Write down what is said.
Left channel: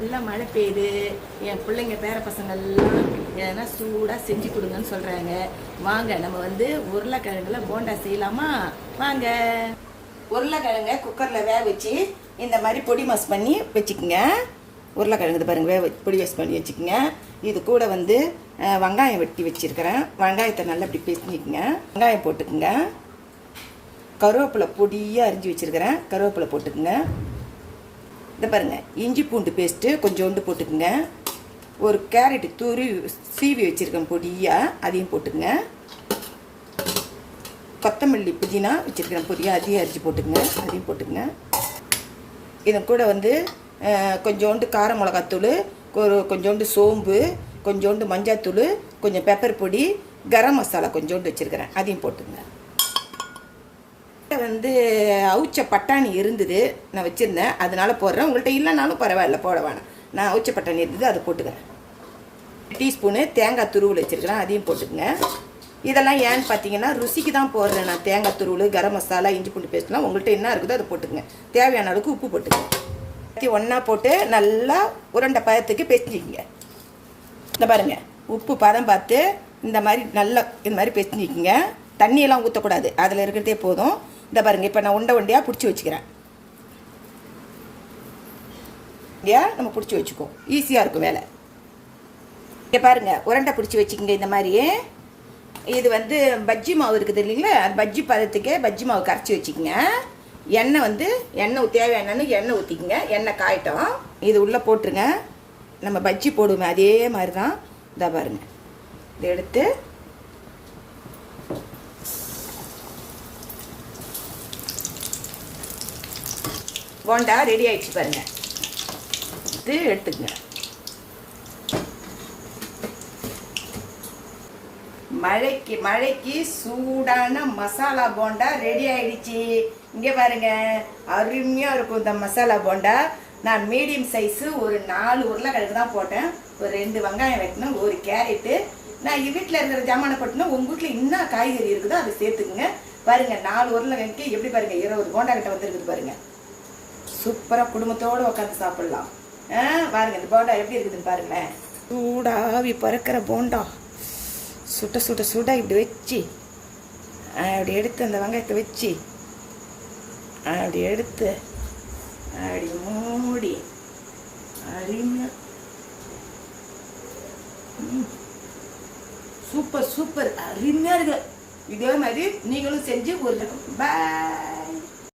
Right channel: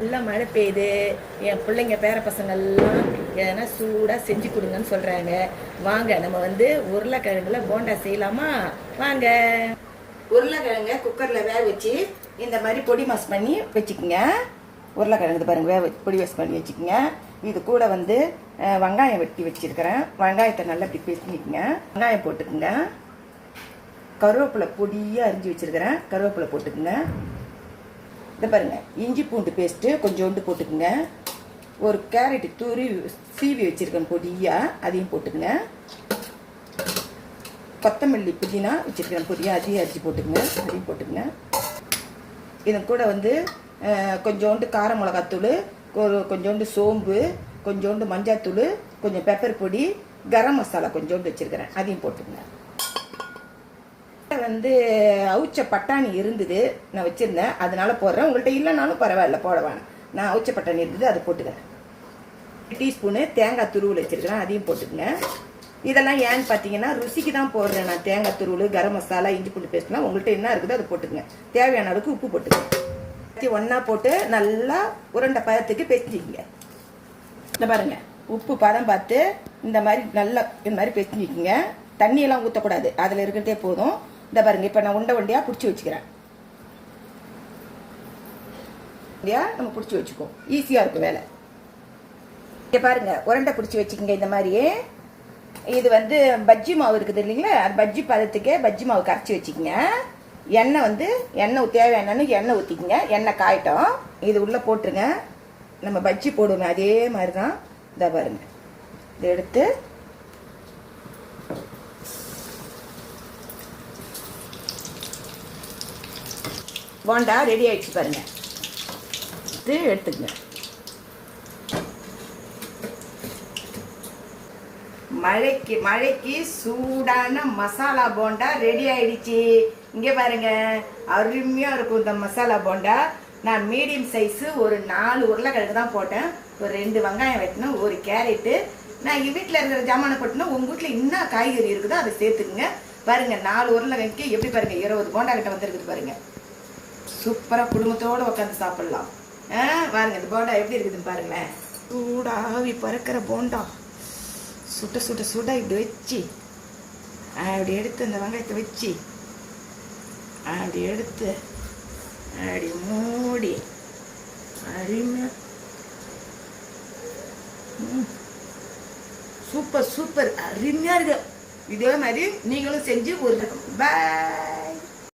நல்லா மழை பெய்யுது. என் பிள்ளைங்க பேர பசங்கள்லாம் எதனா சூடாக செஞ்சு கொடுங்கன்னு சொல்கிறாங்க. வாங்க நம்ம உருளைக்கிழங்குல போண்டா செய்யலாமா? வாங்க. உருளைக்கிழங்க குக்கரில் வேக வச்சு இந்த மாதிரி பொடி மாஸ் பண்ணி வச்சுக்கோங்க. உருளைக்கிழங்கு பாருங்கள், பொடி மாஸ் பண்ணி வச்சுக்கோங்க. இது கூட வெங்காயம் வெட்டி வச்சுருக்கிறேன். வெங்காயத்தை நல்லா இப்படி பேசிக்கிங்க. வெங்காயம் போட்டுக்குங்க. கருவேப்பிலை பொடியாக அரிஞ்சு வச்சுருக்கிறேன். கருவேப்பிலை போட்டுக்குங்க. இது பாருங்கள், இஞ்சி பூண்டு பேஸ்ட்டு கொஞ்சோண்டு போட்டுக்குங்க. ஒரு கேரட்டு தூரி சீவி வச்சுருக்கேன் பொடியாக, அதையும் போட்டுக்குங்க. கொத்தமல்லி புதினா வச்சுருக்கேன் பொடியாக, அதையும் அரிஞ்சு போட்டுக்குங்க. அதையும் போட்டுக்குங்க. இது கூட கொஞ்சோண்டு கார மிளகாத்தூள், கொஞ்சோண்டு சோம்பு, கொஞ்சோண்டு மஞ்சாத்தூள், கொஞ்சம் பெப்பர் பொடி, கரம் மசாலா கொஞ்சோண்டு வச்சுருக்கிறேன். அதையும் போட்டுக்குங்க. அவுச்ச பட்டாணி இருந்தது, நான் வச்சுருந்தேன், அதனால போடுறேன். உங்கள்கிட்ட இல்லைனாலும் பரவாயில்ல, போட வேணாம். நான் அவுச்ச பட்டாணி இருந்தது, அதை போட்டுக்கிறேன். டீஸ்பூனு தேங்காய் துருவல் வச்சுருக்கிறேன், அதையும் போட்டுக்குங்க. இதெல்லாம் ஏன்னு பார்த்தீங்கன்னா ருசிக்கு தான் போடுறேன் நான். தேங்காய் துருவல், கரம் மசாலா, இஞ்சி பூண்டு பேஸ்ட்லாம் உங்கள்கிட்ட என்ன இருக்குதோ அதை போட்டுக்குங்க. தேவையான அளவுக்கு உப்பு போட்டுக்குங்க. ஒன்றா போட்டு நல்லா உருண்டை பதத்துக்கு பேசிக்கிங்க. இந்த பாருங்கள், உப்பு பதம் பார்த்து இந்த மாதிரி நல்லா இந்த மாதிரி பேசிக்கிங்க. தண்ணியெல்லாம் ஊற்றக்கூடாது, அதில் இருக்கிறதே போதும். இந்த பாருங்கள், இப்போ நான் உண்டையாக பிடிச்சி வச்சுக்கிறேன். நம்ம பிடிச்சி வச்சுக்கோ, ஈஸியாக இருக்கும் வேலை. இங்கே பாருங்கள், உருண்டை பிடிச்சி வச்சுக்கோங்க. இந்த மாதிரி இது பஜ்ஜி மாவு இருக்குது இல்லைங்களா, அது பஜ்ஜி பதத்துக்கே பஜ்ஜி மாவு கரைச்சி வச்சுக்கோங்க. எண்ணெய் தேவையான எண்ணெய் ஊற்றிக்கோங்க. எண்ணெய் காயட்டும். இது உள்ளே போட்டுருங்க. நம்ம பஜ்ஜி போடுவோமே அதே மாதிரி தான். இதை பாருங்கள், இதை எடுத்து போண்டா ரெடி ஆயிடுச்சு பாருங்க. இது எடுத்துக்கங்க. மழைக்கு சூடான மசாலா போண்டா ரெடி ஆயிடுச்சு. இங்கே பாருங்க, அருமையா இருக்கும் இந்த மசாலா போண்டா. நான் மீடியம் சைஸு ஒரு 4 உருளைக்கிழங்கு தான் போட்டேன். ஒரு 2 வெங்காயம் வெட்டினேன், ஒரு கேரட்டு. நான் வீட்டில் இருக்கிற ஜாமானை போட்டேன்னா உங்கள் வீட்டில் என்ன காய்கறி இருக்குதோ அதை சேர்த்துக்குங்க. பாருங்க, 4 உருளைக்கிழங்கு எப்படி பாருங்க 20 போண்டா கிட்ட வந்துருக்குது பாருங்க. சூப்பராக குடும்பத்தோடு உட்காந்து சாப்பிடலாம். பாருங்க, இந்த போண்டா எப்படி இருக்குதுன்னு பாருங்க. சூடாவி பறக்கிற போண்டா, சுட்ட சுட்ட சுட இப்படி வச்சு அப்படி எடுத்து அந்த வெங்காயத்தை வச்சு அப்படி எடுத்து அப்படி மூடி அருமையா சூப்பர் சூப்பர் அருமையா இருக்கு. இதே மாதிரி நீங்களும் செஞ்சு ஒரு பாய்.